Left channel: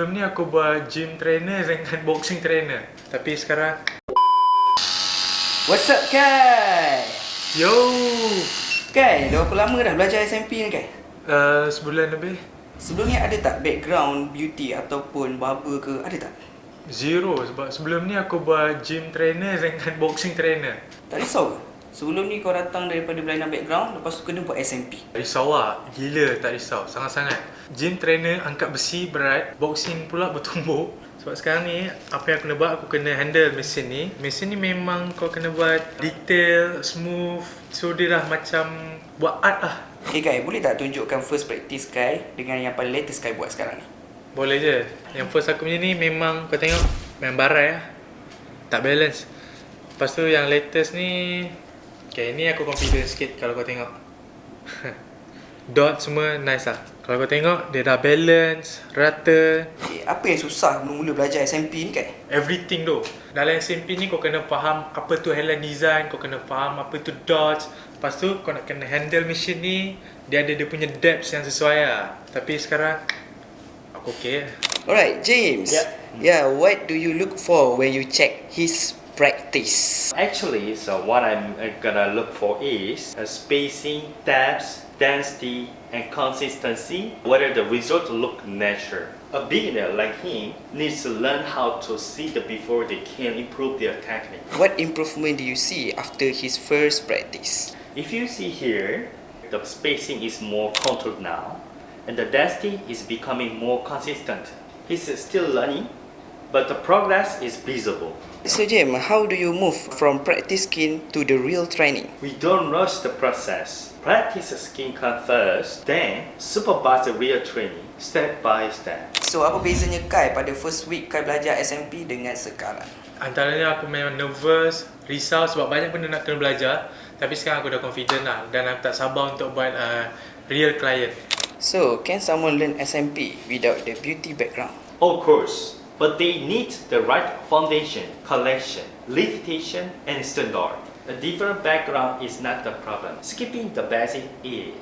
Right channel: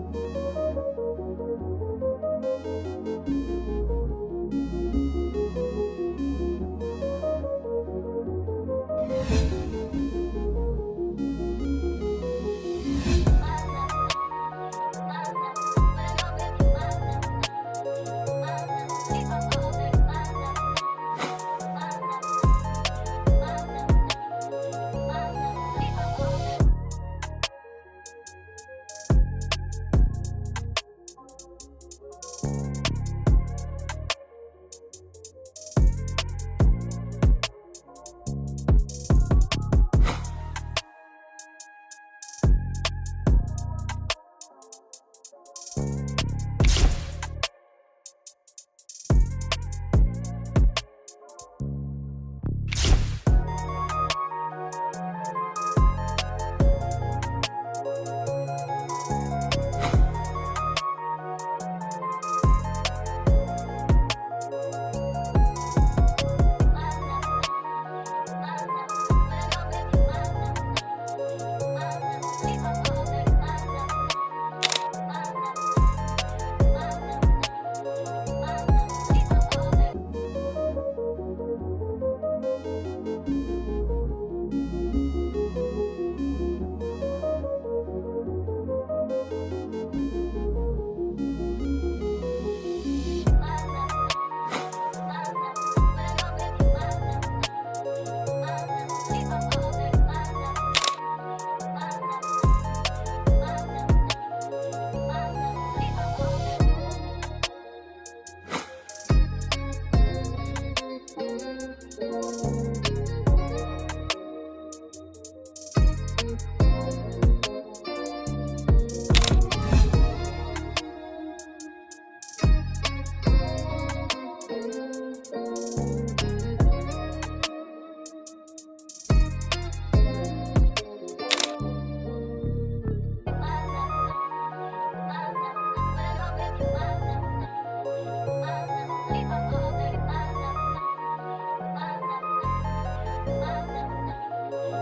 Sebelum ni aku buat gym trainer dengan boxing trainer. Tapi sekarang What's up, Kai? yo, Kai, dah berapa lama dah belajar SMP ni, Kai? sebulan lebih. Sebelum ni ada tak background beauty ataupun barber ke? Ada tak? Zero sebab sebelum ni aku buat gym trainer dengan boxing trainer. Tak risau ke? Sebelum ni kau datang daripada berlainan background, lepas tu kena buat SMP. Tak risau lah, gila tak risau, sangat-sangat. Gym trainer angkat besi berat, boxing pula bertumbuk. Sebab sekarang ni, apa yang aku kena buat, aku kena handle mesin ni. Mesin ni memang kau kena buat detail, smooth. So dia dah macam buat art lah. Okay, Kai, boleh tak tunjukkan first practice Kai dengan yang paling latest Kai buat sekarang ni? Boleh je. Yang first aku punya ni memang kau tengok, main barai lah. Tak balance. Lepas tu yang latest ni, okay, ni aku confident sikit kalau kau tengok. Dot semua nice lah. Kalau kau tengok, dia dah balance, rata. Apa yang susah mula-mula belajar SMP ni, Kai? Everything tu. Dalam SMP ni kau kena faham apa tu Hairline Design, kau kena faham apa tu dots. Lepas tu kau nak kena handle mesin ni, dia ada dia punya depth yang sesuai lah. Tapi sekarang, aku okay. Alright, James. Yeah, what do you look for when you check his practice? Actually, so what I'm gonna look for is spacing, depth, density, and consistency, whether the result look natural. A beginner like him needs to learn how to see the before they can improve their technique. What improvement do you see after his first practice? If you see here, the spacing is more controlled now, and the density is becoming more consistent. He's still learning, but the progress is visible. So, James, how do you move from practice skin to the real training? We don't rush the process. Practice skin cut first, then supervise the real training, step by step. So, apa bezanya Kai pada first week Kai belajar SMP dengan sekarang? Antaranya aku memang nervous, risau sebab banyak benda nak kena belajar. Tapi sekarang aku dah confident lah dan aku tak sabar untuk buat real client. So, can someone learn SMP without the beauty background? Of course, but they need the right foundation, collection, limitation, and standard. A different background is not the problem. Skipping the basic is.